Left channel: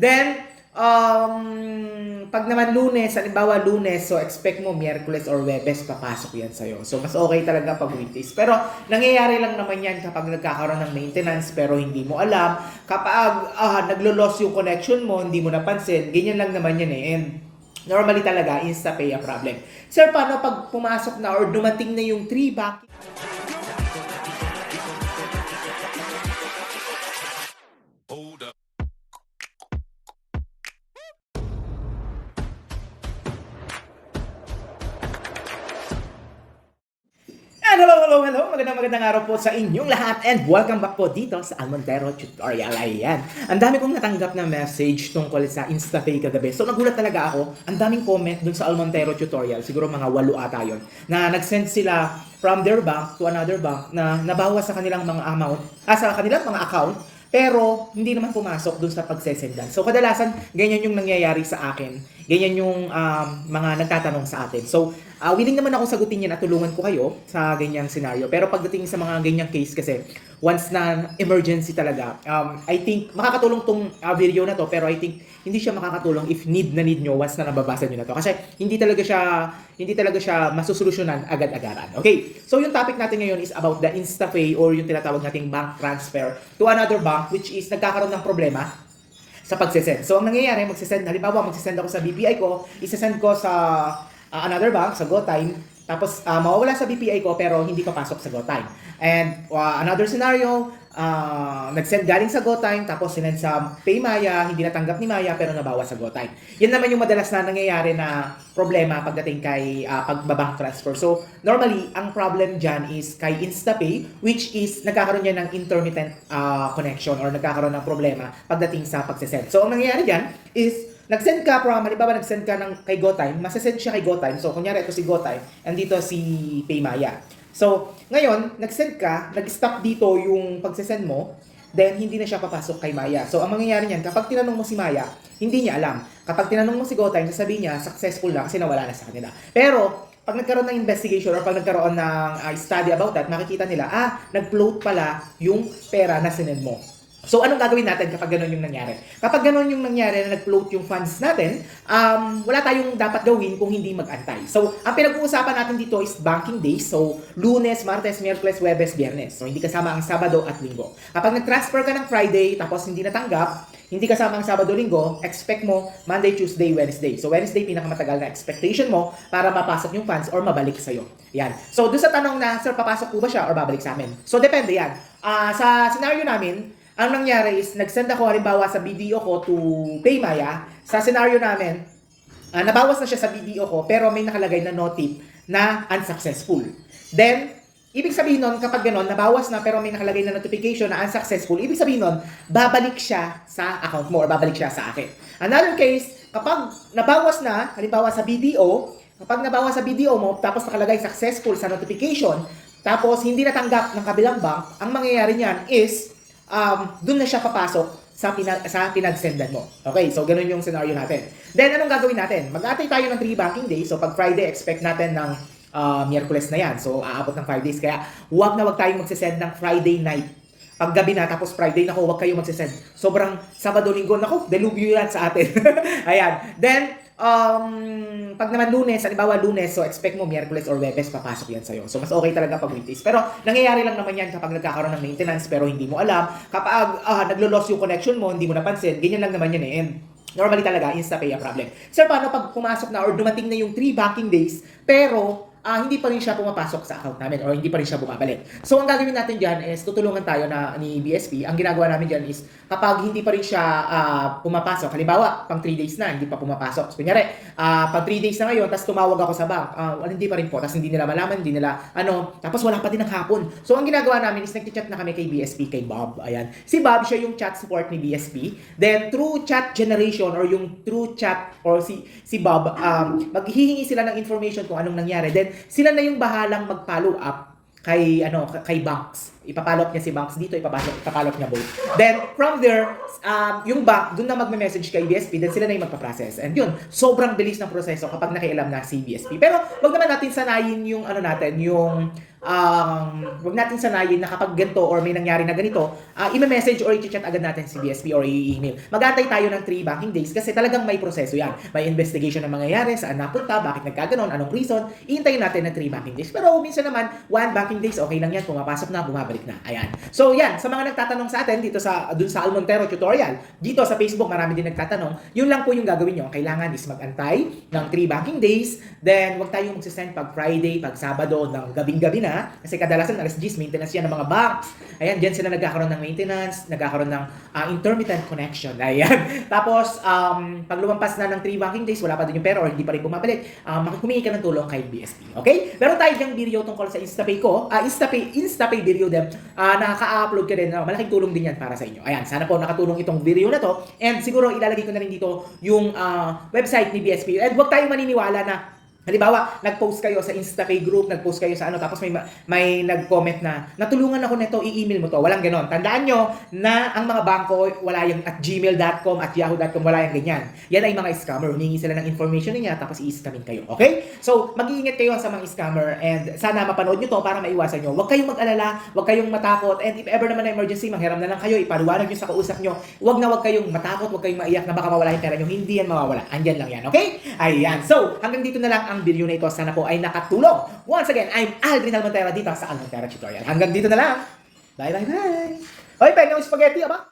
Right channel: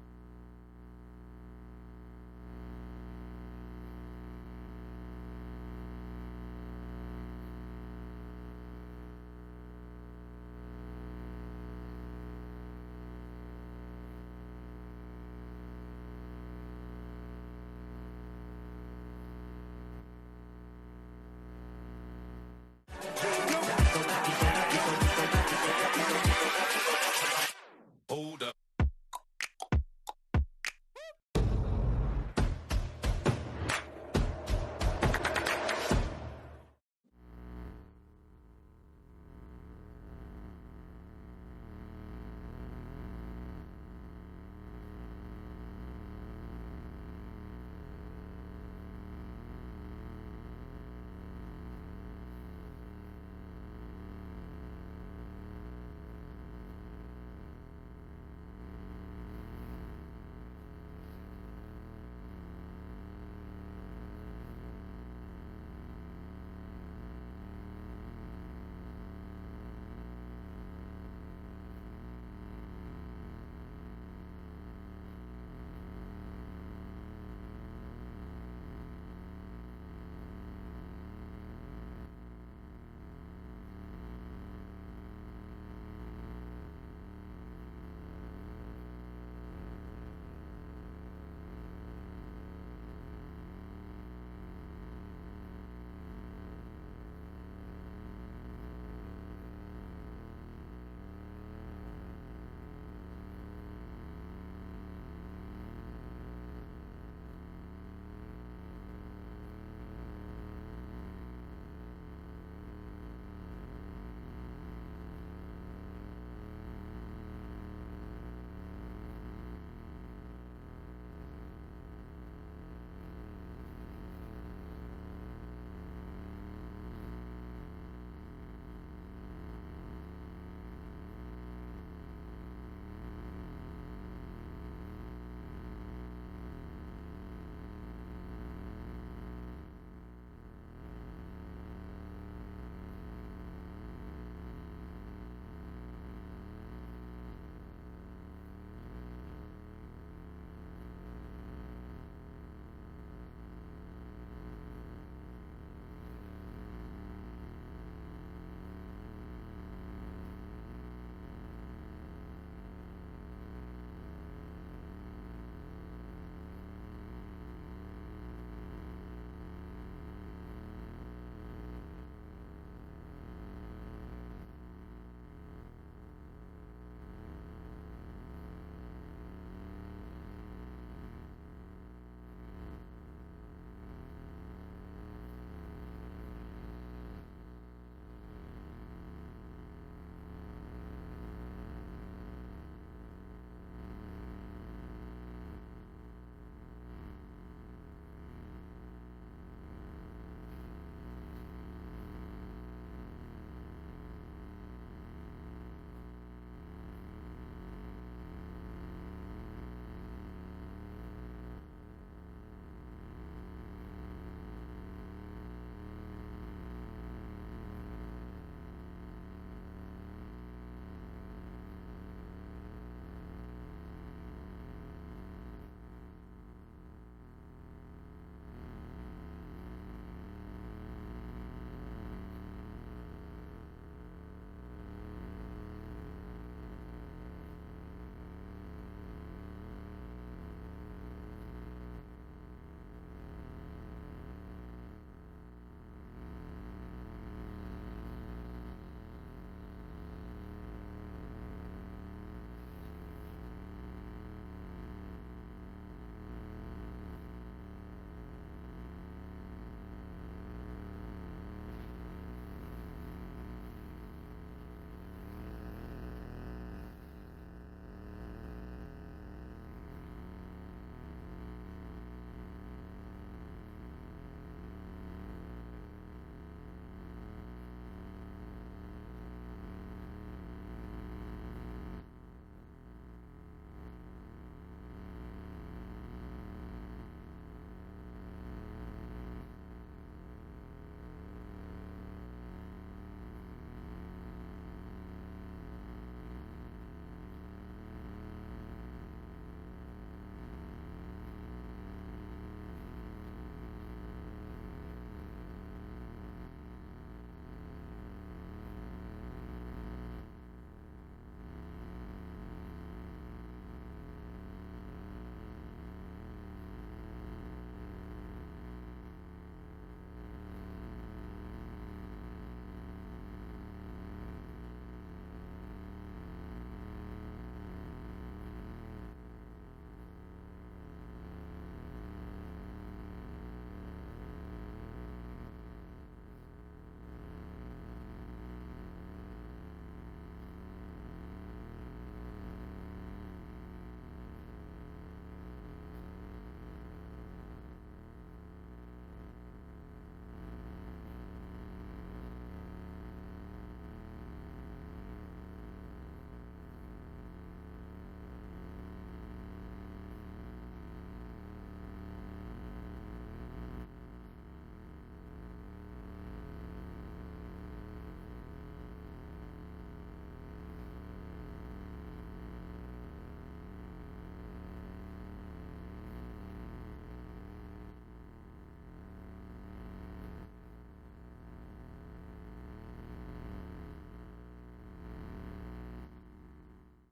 Then, pag naman Lunes, halimbawa Lunes, so expect mo Miyerkules or Webes papasok yan sa'yo. So mas okay talaga pag weekdays. Pero nangyayari lang naman yan kapag nagkakaroon ng maintenance pero hindi mo alam. Kapag naglo-loss yung connection mo, hindi mo napansin, ganyan lang naman yan eh. And normally talaga, insta-pay a problem. Sir, paano pag pumasok na or dumating na yung 3 back? Hold up. Hello. Magandang araw po sa inyong lahat and welcome back po dito sa Almontero Tutorial. Ayan. Ang dami kong natanggap na message tungkol sa InstaPay kagabi. So nagulat talaga ako. Ang daming comment dun sa Almontero Tutorial. Siguro mga 8 ata yun. Na nag-send sila from their bank to another bank na nabawas sa kanilang mga amount, sa kanilang mga account, pero hindi naman pumasok dun sa pagsesendan. So kadalasan, ganyan yung nangyayari sa akin. Ganyan yung mga nagtatanong sa atin. So, willing naman ako sagutin yan at tulungan ko kayo sa ganyang scenario. Pero pagdating sa mga ganyang case kasi, once na emergency talaga, I think makakatulong tong video na to, pero I think hindi siya makakatulong if need na need nyo once na nababasa nyo na to. Kasi hindi talaga siya masusolusyonan agad-agaran. Okay, so yung topic natin ngayon is about the InstaPay or yung tinatawag nating bank transfer to another bank, which is nagkakaroon ng problema sa pagsesend. So, ang nangyayari, halimbawa, magsisend ako sa BPI ko, isesend ko sa another bank, sa GoTime, tapos mawawala sa BPI ko pero hindi papasok sa GoTime. And another scenario, nag-send galing sa GoTime, tapos sinend sa PayMaya, hindi natanggap ni Maya pero nabawas sa GoTime. Yan naman yung madalas na nangyayari na problema pagdating kay pagbabank transfer. So, normally, ang problem dyan is kay InstaPay, which is nagkakaroon yan ng intermittent connection or nagkakaroon ng problema pagdating sa pagsesend. So, ang nangyayari dyan is nag-send ka halimbawa nag-send ka kay GoTime, masasend siya kay GoTime. So, kunyari ito si GoTime, and dito si PayMaya. So, ngayon, nag-send ka, nag-stop dito yung pagsesend mo, then hindi na siya papasok kay Maya. So, ang mangyayari niyan, kapag tinanong mo si Maya, hindi niya alam. Kapag tinanong mo si GoTime, sasabihin niya, successful na kasi nawala na sa kanila. Pero, pag nagkaroon ng investigation or pag nagkaroon ng study about that, makikita nila, nag-float pala yung pera na sinend mo. So, anong gagawin natin kapag gano'n yung nangyari? Kapag gano'n yung nangyari na nag-float yung funds natin, wala tayong dapat gawin kung hindi mag-antay. So, ang pinag-uusapan natin dito is banking days. So, Lunes, Martes, Miyerkules, Huwebes, Biyernes. So, hindi kasama ang Sabado at Linggo. Kapag nag-transfer ka ng Friday tapos hindi natanggap, hindi kasama ang Sabado, Linggo, expect mo Monday, Tuesday, Wednesday. So, Wednesday, pinakamatagal na expectation mo para mapasok yung funds or mabalik sa'yo. Yan. So, doon sa tanong na, sir, papasok po ba siya or babalik sa amin? So, depende yan. Sa scenario namin, ang nangyari is, nag-send ako halimbawa sa BDO ko to PayMaya. Sa scenario namin, nabawas na siya sa BDO ko, pero may nakalagay na notif na unsuccessful. Then, ibig sabihin nun, kapag gano'n, nabawas na pero may nakalagay na notification na unsuccessful, ibig sabihin nun, babalik siya sa account mo or babalik siya sa akin. Another case, kapag nabawas na, halimbawa sa BDO, kapag nabawas sa BDO mo, tapos nakalagay successful sa notification, tapos hindi natanggap ng kabilang bank, ang mangyayari niyan is, doon na siya papasok sa pinag-sendan mo. Okay, so ganun yung scenario natin. Then, anong gagawin natin? Mag-atay tayo ng 3 banking days. So, pag Friday, expect natin ng Miyerkules na yan. So, aabot ng 5 days. Kaya, huwag tayong magsisend ng Friday night. Pag gabi na, tapos Friday, huwag kayong magsisend. Sobrang Sabado, Linggo, delubyo yan sa atin. Ayan. Then, pag naman Lunes, halimbawa Lunes, so expect mo Miyerkules or Webes papasok yan sa'yo. So mas okay talaga pag weekdays. Pero nangyayari lang naman yan kapag nagkakaroon ng maintenance pero hindi mo alam. Kapag naglo-loss yung connection mo, hindi mo napansin, ganyan lang naman yan eh. And normally talaga, InstaPay a problem. Sir, paano pag pumasok na or dumating na yung 3 banking days, pero hindi pa rin siya pumapasok sa account namin or hindi pa rin siya bumabalik. So, ang gagawin natin dyan is tutulungan tayo ni BSP. Ang ginagawa namin dyan is kapag hindi pa rin siya pumapasok, halimbawa, pang 3 days na, hindi pa pumapasok. So, kunyari, pang 3 days na ngayon, tapos tumawag ako sa bank, hindi pa rin po, tapos hindi nila malaman, hindi nila, tapos wala pa din ng hapon. So, ang ginagawa namin is nag-chat na kami kay BSP, kay Bob. Ayan. Si Bob, siya yung chat support ni BSP. Then, through chat generation or yung through chat or si Bob, maghihingi sila ng information kung anong nangyari. Then, sila na yung bahalang mag-follow up kay banks. ipapollow up niya si banks dito, ipapollow up niya both. Then, from there, yung bank, dun na magme-message kay BSP, then sila na yung magpa-process. And yun, sobrang bilis ng proseso kapag nakialam na si BSP. Pero, wag naman natin sanayin yung ano natin, yung wag natin sanayin na kapag ganito or may nangyari na ganito, i-message or i-chat agad natin si BSP or i-email. Mag-antay tayo ng 3 banking days kasi talagang may proseso yan. May investigation na mangyayari, saan napunta, bakit nagkaganon, anong reason, iintayin natin ng 3 banking days. Pero minsan naman, 1 banking days, okay lang yan, pumapasok na, bumabalik na. Ayan. So yan, sa mga nagtatanong sa atin dito dun sa Almontero tutorial, dito sa Facebook, marami din nagtatanong, yun lang po yung gagawin nyo. Kailangan is mag-antay ng 3 banking days, then wag tayong magsisend pag Friday, pag Sabado, ng gabing-gabi na, kasi kadalasan alas 10 maintenance yan ng mga banks. Ayan, diyan sila nagkakaroon ng maintenance, nagkakaroon ng intermittent connection. Ayan. Tapos, pag lumampas na ng 3 banking days, wala pa din yung pera or hindi pa rin bumabalik, humingi ka ng tulong kay BSP. Okay? Meron tayo diyang video tungkol sa InstaPay ko. InstaPay video din. Nakaka-upload ka din. Malaking tulong din yan para sa inyo. Ayan, sana po nakatulong itong video na to. And siguro ilalagay ko na rin dito yung website ni BSP. And huwag tayong maniniwala na halimbawa, nag-post kayo sa InstaPay group, nag-post kayo sa ano, tapos may nag-comment na, natulungan ako nito, i-email mo to. Walang ganon. Tandaan nyo na ang mga bangko, wala yung at gmail.com, at yahoo.com, wala yung ganyan. Yan ay mga scammer. Humingi sila ng information niya, tapos i-scamin kayo. Okay? So, mag-iingat kayo sa mga scammer and sana mapanood nyo to para maiwasan nyo. Huwag kayong mag-alala, huwag kayong matakot, and if ever naman na emergency, manghiram na lang kayo, ipaliwanag nyo sa kausap nyo. Huwag kayong matakot, huwag kayong maiyak na baka mawala yung pera nyo. Hindi yan mawawala. Andyan lang yan. Okay? Ayan. So, hanggang dito na lang ang video na ito. Sana po ay nakatulong. Once again, I'm Aldrin Almontera dito sa Almontera Tutorial. Hanggang dito na lang. Bye, bye, bye. Hoy, pengen ng spaghetti, aba?